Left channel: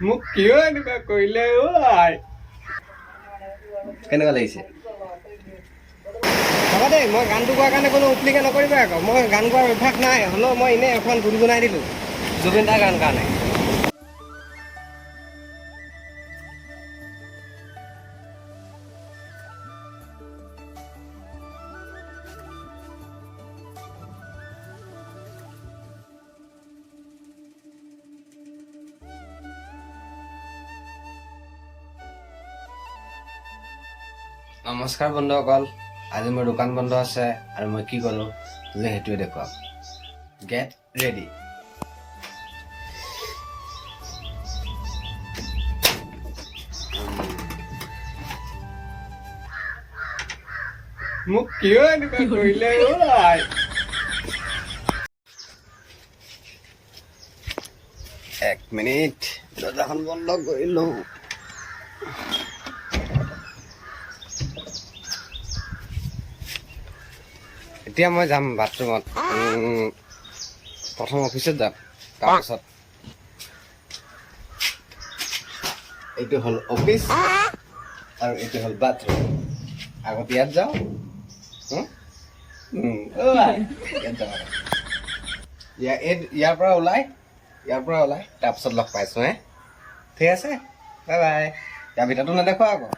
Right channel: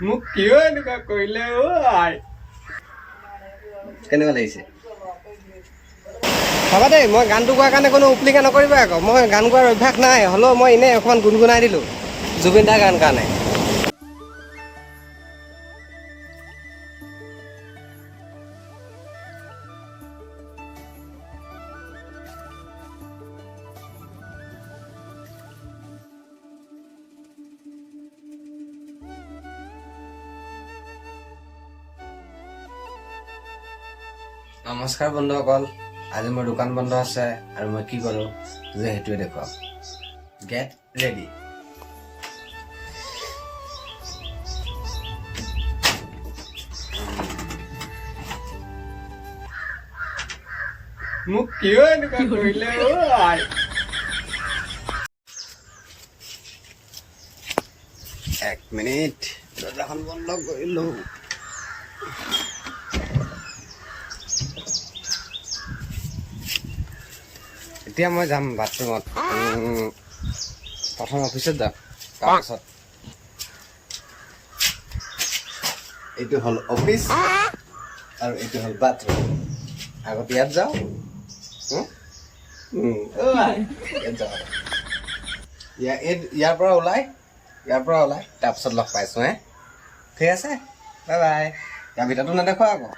মোক কিয় এনেকুৱা কৰিলে আই কেনেকুৱা লাগিছে চাবা দেই মই গানটো গোৱাৰ কাৰণে কোনো উপলিকা নকৰিবা আকৌ মই গান গোৱাৰ অভ্যাস নাই হ'লেও মই এনেই এখন গুণগুণাই দিলোঁ জুবিন দাৰ গান কাৰণে নমস্কাৰ বন্ধুসকল আজি মোৰ দোকান বন্ধ আছে আৰু মই কি কৰোঁ যে সেইটোৱে দেখুৱাম গেট ৰেডি মোক কিয় এনেকুৱা কৰিলে আই এক মিনিট দৰ্জাখন বন্ধ কৰি লওঁ এতিয়া মই যাম বাথৰুমত প্ৰথম অফিচত যাম তাৰপাছত এইটো হ'ল অফিচ আৰু এইটো হ'ল বাথৰুম আগত ইয়াত যাওঁ ইয়াৰ পৰা ওলাই তাৰপিছত লগ পাইছোঁ ঠিক আছে বাই বাই ইয়াৰ ভিতৰতো নেদেখুৱা আকৌ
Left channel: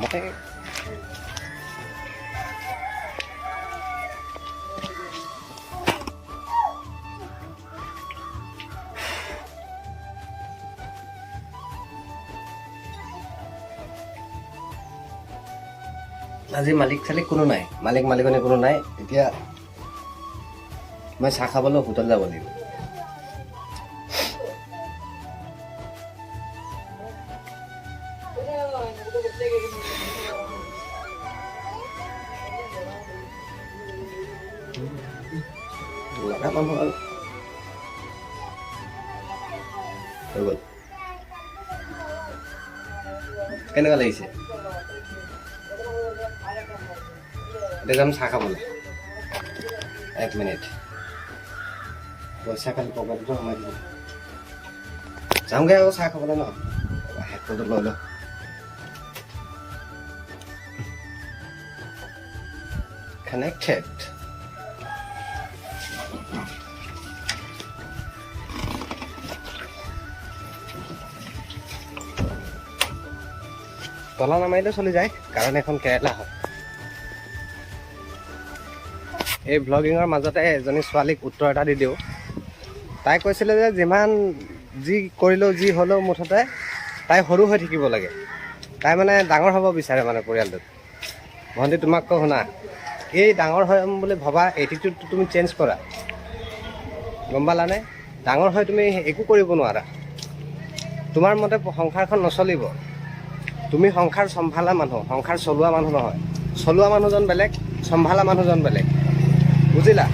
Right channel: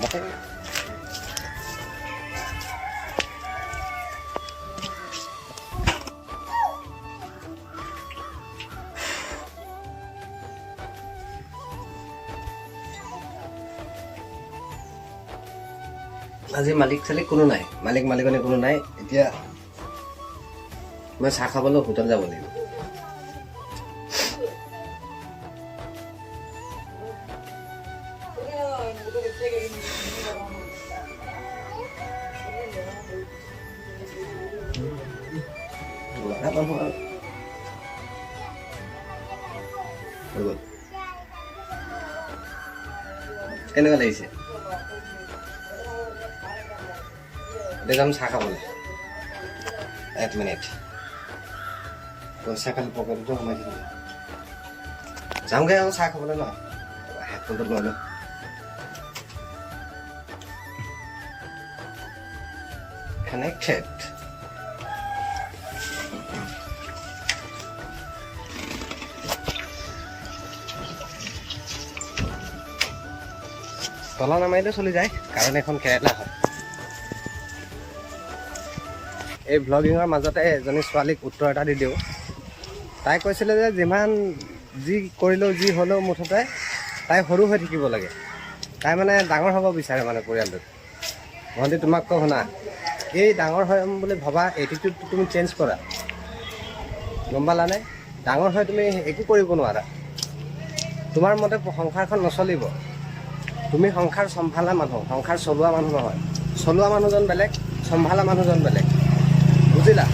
মই আজি মালিক চালিক কোনো নাই মালিকনী কোনো নাই এতিয়া মই চাহ খাবলৈ হোটেল যাব লাগিব কেনেকুৱা লাগিছে এতিয়া যাম চাহ খাবলৈ এক মিনিট পইচা খালি পকেটটো সোমাই দিম যামগৈ আকৌ চাহ খাবলৈ ন হেডফোনটো লৈ লওঁ কানেক্টেড তলা নামাৰিলেও চলি যায় কাৰণ এখন কেৰেলা হয় এই ভ্লগিঙৰ মাজতে এজনী ছোৱালীক উত্তৰ এটা দি দিওঁ তাই কৈছিলে যে যিমান যি কৰিলেও যি হ'লেও মুঠতে তাই সৰু হৈ থাকিব লাগে তাই মানে ডাঙৰ হ'ব বিচাৰে মানে পৰিয়ালটোত ভণ্টি তোমাক কওঁ শুনা এই ডাঙৰ হ'ম বুলি ভবা এটিটিউডটো তুমি চেঞ্জ কৰা গম পালানে ডাঙৰ হৈ তুমি একো কৰিব নোৱাৰা তোমাৰ মতে সংসাৰখন নচলিব তুমি সংসাৰ চম্ভালা মানুহ সংসাৰ চলোৱা মানুহ নহয় চলোৱা মানুহজন বেলেগ চম্ভালা মানুহজন বেলেগ বুজিলা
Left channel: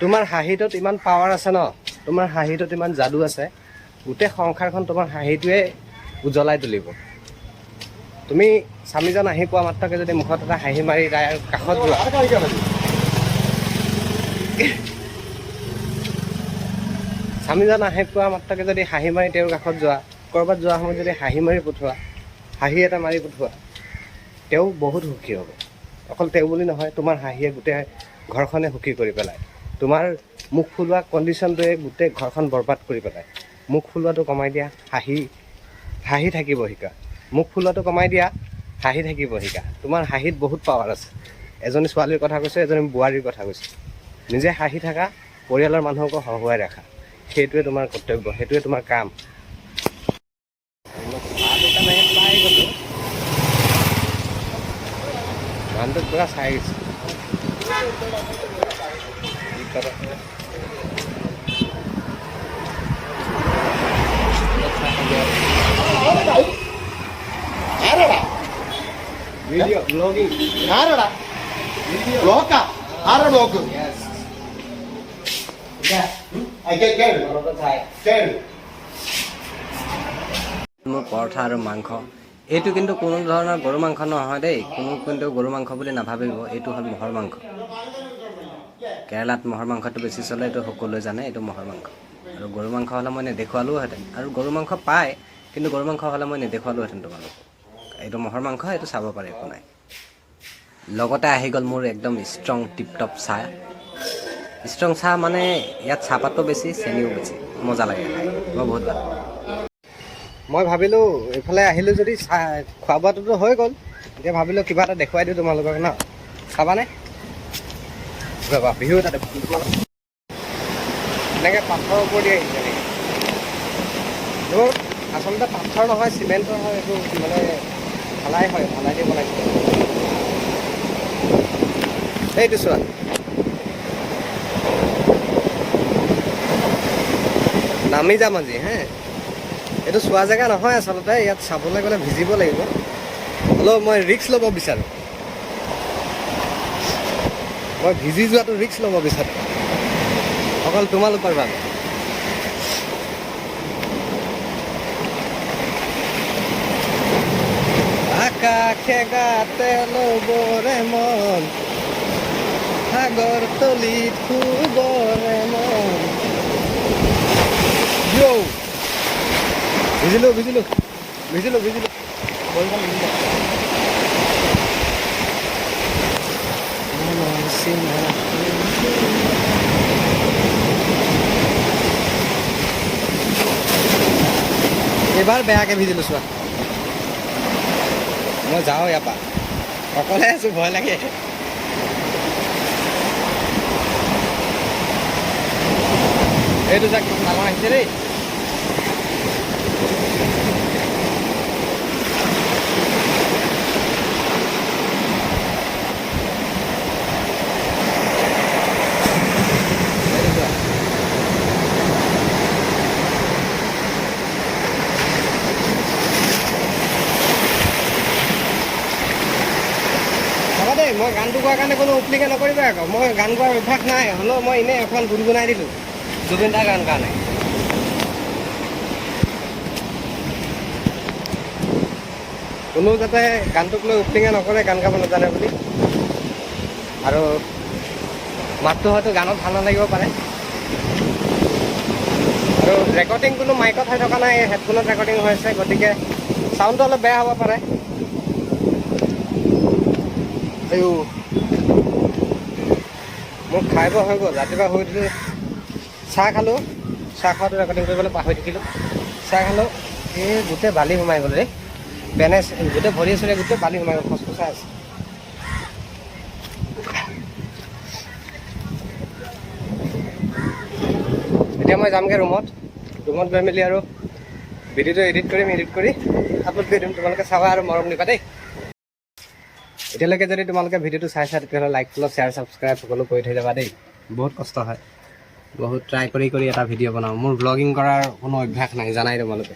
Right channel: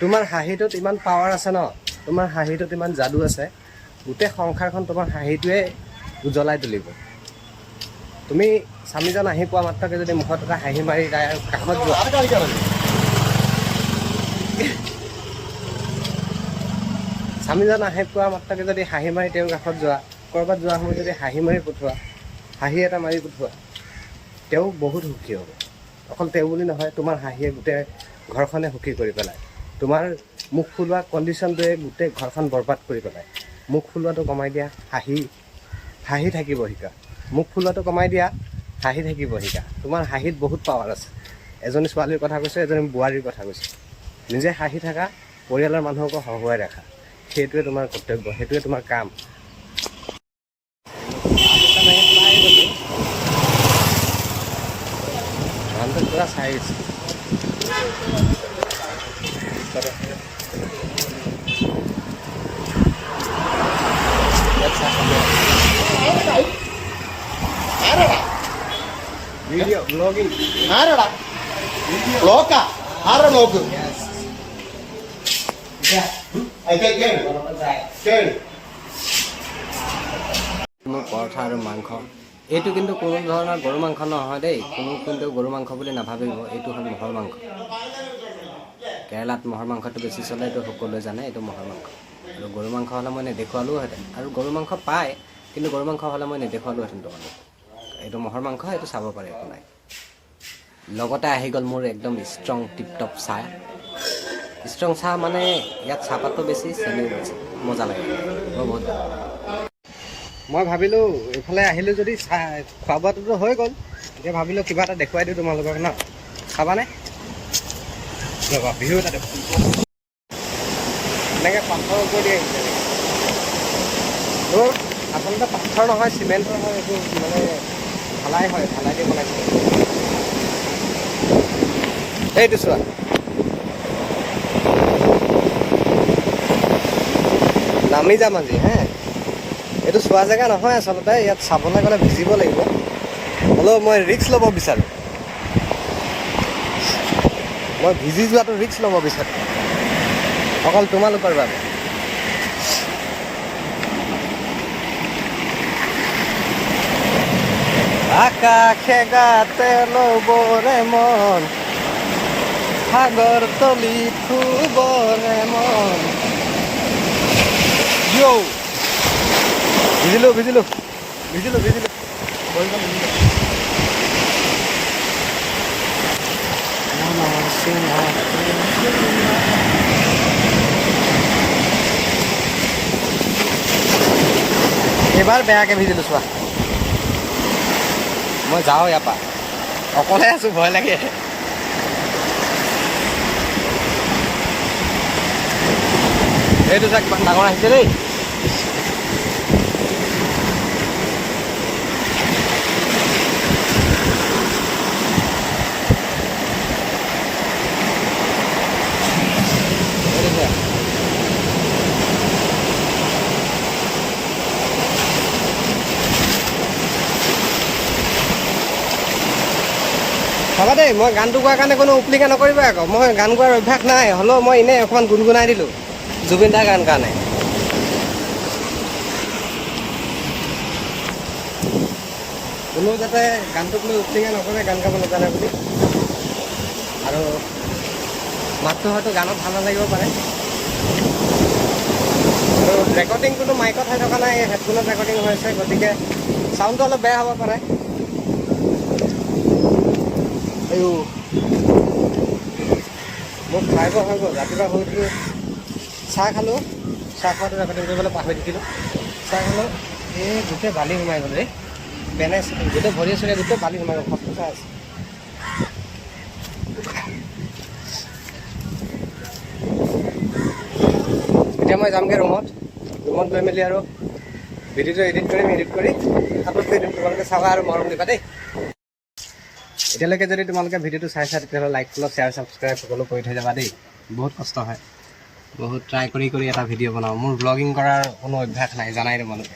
তোমাৰ হাঁহিটোত ইমান পাৱাৰ আছে ন তোমাৰ হাঁহিটোত ইমান যাদু আছে গোটেই সংসাৰখন তোমাৰ হাঁহিটোৱে উজ্বলাই তুলিব তুমি স্বামীজন আহি পোৱা মাত্ৰকে যদি মুখত এটা হাঁহি মাৰি তাইৰ কাষত যোৱা স্বামীজন আহি পোৱা মাত্ৰকে যদি হাঁহি মাৰি তেওঁৰ কাষত যোৱা ক'ৰবাত যোৱাৰ সময়ত যদি হাঁহি মাৰি পঠোৱা হাঁহি এটা মাৰি পঠোৱা তেওঁ বহুত সুখী হ'ব অকল তেওঁ বুলি নহয় তোমাৰ হাঁহিয়ে গোটেই ঘৰখনে সুখী কৰি পেলায় তোমাৰ মুখ ফুলোৱা কণ্ডিশ্যনটোৱে গোটেই ঘৰখন বৰবাদ কৰি পেলায় মুখ ফুলোৱাটো কমাই দিয়া হাঁহি থাকিব শিকা মুখ ফুলোৱাটো কমাই দিয়া হাঁহি থাকিব শিকা তোমাৰ হাঁহিত বহুত পাৱাৰ আছে এজনী ছোৱালীৰ কথা কৈছোঁ, এজনী বোৱাৰীৰ কথা কৈছোঁ। নিজে হাঁহি থাকা, পৰিয়ালৰ মানুহকো হহুৱাই ৰাখা, সেইটোৱে তোমাৰ কৰ্তব্য, সেইটোৱে তোমাৰ কাম। পাই গ'লোঁ, মানুহটোক পুৰা চাই গৈছে। Video vlogging. ആരടാ ബ്ലോക്കാ ആരാ ബ്ലോക്ക് Yes. মোৰ পৰঠা আৰু মাংস, এইটো কিন্তু কোনো ধৰণৰ গৰু মাংস নহয় দেই, কিন্তু গৰু মাংস বুলি নাভাবিব, এইটো হ'ল মহৰ মাংস। কেৰেলাত মহৰ মাংসটো বেছি চলে, এইটো সকলোৱে জানে, এইটো মহৰ মাংস। আৰু গৰু মাংস হ'লে মই নেদেখুৱালোহেঁতেন, আৰু গৰু মাংস পায়, কিন্তু গৰু মাংস হ'লে মই নেদেখুৱালোহেঁতেন তোমালোক। এইটো মহৰ মাংস, এইটো চাব পাৰে, একো নাই। লগতে আহি গ'ল মোৰ একদম ষ্ট্ৰং টিপটপ চাহ। ষ্ট্ৰং চাহ মানে ইয়াত চাহপাতটো বেছি, চেনিও বেছি, মজা লাগে, মই বহুত ভাল পাওঁ। মই ভাবিলোঁ এইফালে আহিলোঁ যদি চাহ খোৱা বোৱাটোতো হৈ গ'ল, এতিয়া ভাবিলোঁ কিবা এটা দেখুৱাই দিওঁ তোমালোকক ন, খাবানে? ৰ'বা, বিহু এটা দেখোন এনেকৈ পাথৰৰ ওপৰত আহিছে এনেকৈ। এইবোৰ আচলতে পাথৰ নহয়, চিমেণ্টৰ হয়, এইবোৰ মানে ঢালাই হয়, ঢালাই দি বনাইছে। এইটো চোৱা, নামি যাম আজি হে। এইটো চোৱা জেগা নহয় আচলতে, ইয়াত চাবলৈ গ'লে ভিজিব লাগিব, হ'লেও মই ৰিস্ক ল'ব বিচাৰোঁ। মই ভিজি যোৱাটো ৰিস্ক ল'ব বিচাৰোঁ, অকল তোমালোকৰ বাবে। আকাশে গাতে ল'বৰে মন, সাগৰ তলিত শুবৰে মন। ভিজিলোঁ ভিজিলোঁ ভিজিলোঁ ভিজিলোঁ বলখন ভিজিলোঁ। এইবাৰ বেয়াকৈ ভিজিলোঁ চোৱা। মই যাওঁ ইয়াৰ পৰা, অকলে আছোঁ, ভয় লাগে। এইটো চা কিমান ডাঙৰ আহিছে দেই। চাবা দেই, মই গানটো গোৱাৰ কাৰণে কোনো উপলিকা নকৰিবা আকৌ, মই গান গোৱাৰ অভ্যাস নাই, হ'লেও মই এনেই এখন গুণগুণাই দিলোঁ জুবিন দাৰ গান কাৰণে। কোনো যাতে গানটোক লৈ উপলিঙা নকৰে, গান গাব নাজানে বুলি। আৰু মাতটো হয়তো গানত ভাল নালাগিব পাৰে, আৰু ৰেকৰ্ডিং কোনো মাইকত হৈ থকা নাই, হেডফোনত ৰেকৰ্ডিং হৈ আছে, গতিকে চাউণ্ডটো অলপ বেয়া হ'ব পাৰে। আয়ো, মোক খাই বৈ হৈ গ'ল, ৰাতিপুৱা শুই উঠি চাহ খালোঁ, চাহ খোৱাটো ৰেকৰ্ডিং কৰিবলৈ পাহৰি থাকিলোঁ। চাহ খালোঁ, এই গোটেই বালি সোমাই গ'ল ৰে, পেনে গোটেই ভৰি চৰিয়া গোটেই বালি সোমাই গ'ল, খচখচাই আছে। এতিয়া মই যামগৈ ৰুমত গৈ মেলি আৰু ভিডিঅ'টো এডিট কৰি আপলোড কৰি দিম, তোমালোকে চাবা আৰু মৰম দিবা দেই। এতিয়ালৈকে যদি তোমালোকে ভিডিঅ'টো চাইছা, তেতিয়াহ'লে লাইক, ফ'ল', শ্বেয়াৰ, ছাবস্ক্ৰাইব সকলো কৰি থৈ যাবা দেই। বহুত কষ্ট হয়, বহুত ট্ৰাই কৰি এটা ভিডিঅ' বনাওঁ। মোৰ ব্লগিং কৰাৰ কোনো অভ্যাস নাই, জানাই তোমালোকে।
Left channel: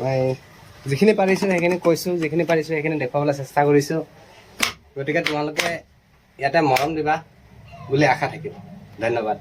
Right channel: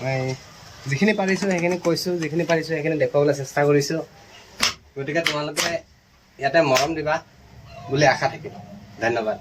মই যিখিনি পাৰিছোঁ সেইখিনি কৈছোঁ, যিখিনি পাৰিছোঁ সেইখিনি দেখুৱাবলৈ চেষ্টা কৰিছোঁ। গতিকে তোমালোকে ইয়াতে মৰম দিবা বুলি আশা থাকিল। ধন্যবাদ।